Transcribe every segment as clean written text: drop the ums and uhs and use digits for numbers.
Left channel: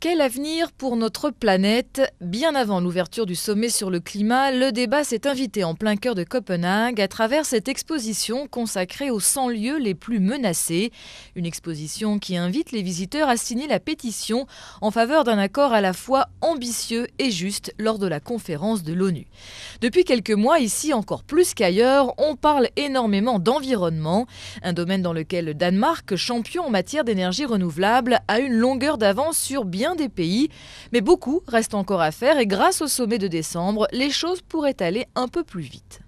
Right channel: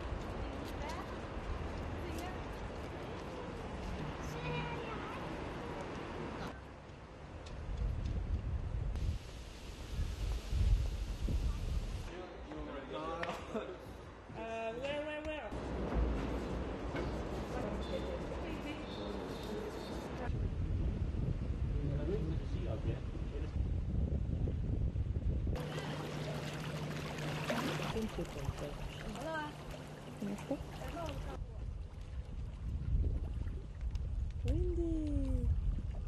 Quel avenir pour notre planète? Bien avant l'ouverture du sommet sur le climat, le débat s'est invité en plein cœur de Copenhague à travers cette exposition consacrée aux 100 lieux les plus menacés. Une exposition qui invite les visiteurs à signer la pétition en faveur d'un accord à la fois ambitieux et juste lors de la conférence de l'ONU. Depuis quelques mois, ici encore plus qu'ailleurs, on parle énormément d'environnement, un domaine dans lequel le Danemark, champion en matière d'énergie renouvelable, a une longueur d'avance sur bien des pays. Mais beaucoup reste encore à faire et grâce au sommet de décembre, les choses pourraient aller un peu plus vite.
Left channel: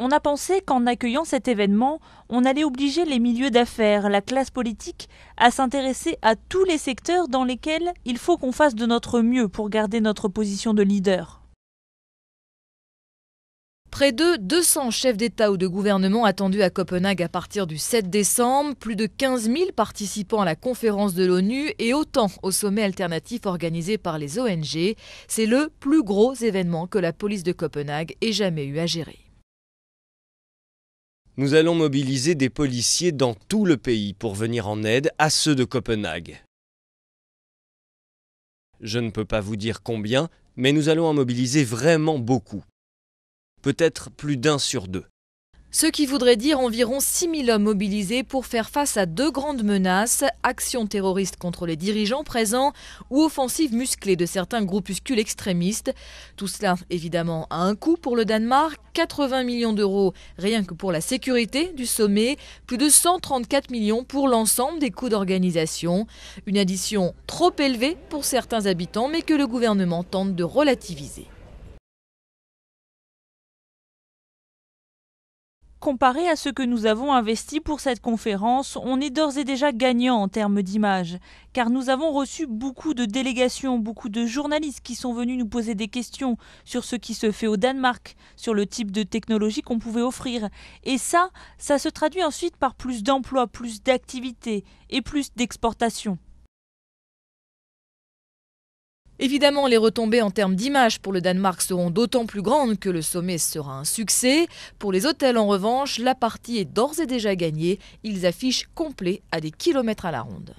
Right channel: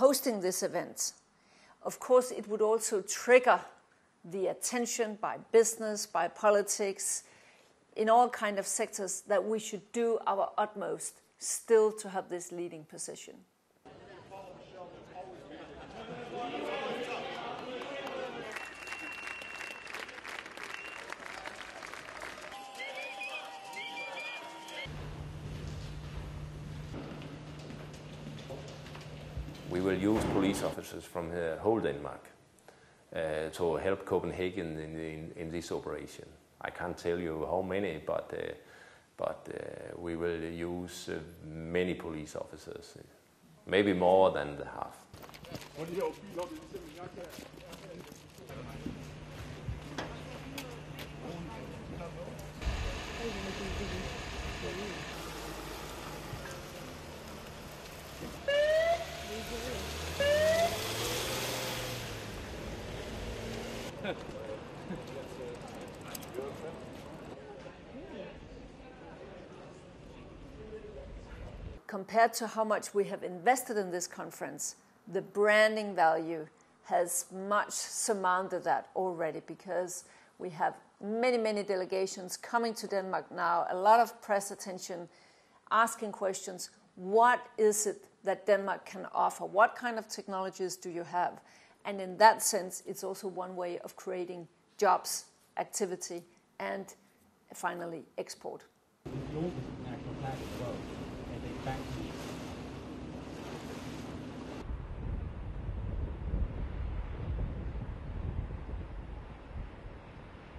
On a pensé qu'en accueillant cet événement, on allait obliger les milieux d'affaires, la classe politique, à s'intéresser à tous les secteurs dans lesquels il faut qu'on fasse de notre mieux pour garder notre position de leader. Près de 200 chefs d'État ou de gouvernement attendus à Copenhague à partir du 7 décembre, plus de 15 000 participants à la conférence de l'ONU et autant au sommet alternatif organisé par les ONG. C'est le plus gros événement que la police de Copenhague ait jamais eu à gérer. Nous allons mobiliser des policiers dans tout le pays pour venir en aide à ceux de Copenhague. Je ne peux pas vous dire combien, mais nous allons en mobiliser vraiment beaucoup. Peut-être plus d'un sur deux. Ce qui voudrait dire environ 6 000 hommes mobilisés pour faire face à deux grandes menaces, actions terroristes contre les dirigeants présents ou offensives musclées de certains groupuscules extrémistes. Tout cela, évidemment, a un coût pour le Danemark, 80 millions d'euros rien que pour la sécurité du sommet, plus de 134 millions pour l'ensemble des coûts d'organisation. Une addition trop élevée pour certains habitants, mais que le gouvernement tente de relativiser. Comparé à ce que nous avons investi pour cette conférence, on est d'ores et déjà gagnant en termes d'image, car nous avons reçu beaucoup de délégations, beaucoup de journalistes qui sont venus nous poser des questions sur ce qui se fait au Danemark, sur le type de technologie qu'on pouvait offrir. Et ça se traduit ensuite par plus d'emplois, plus d'activités et plus d'exportations. Évidemment, les retombées en termes d'image pour le Danemark seront d'autant plus grandes que le sommet sera un succès. Pour les hôtels, en revanche, la partie est d'ores et déjà gagnée. Ils affichent complet à des kilomètres à la ronde.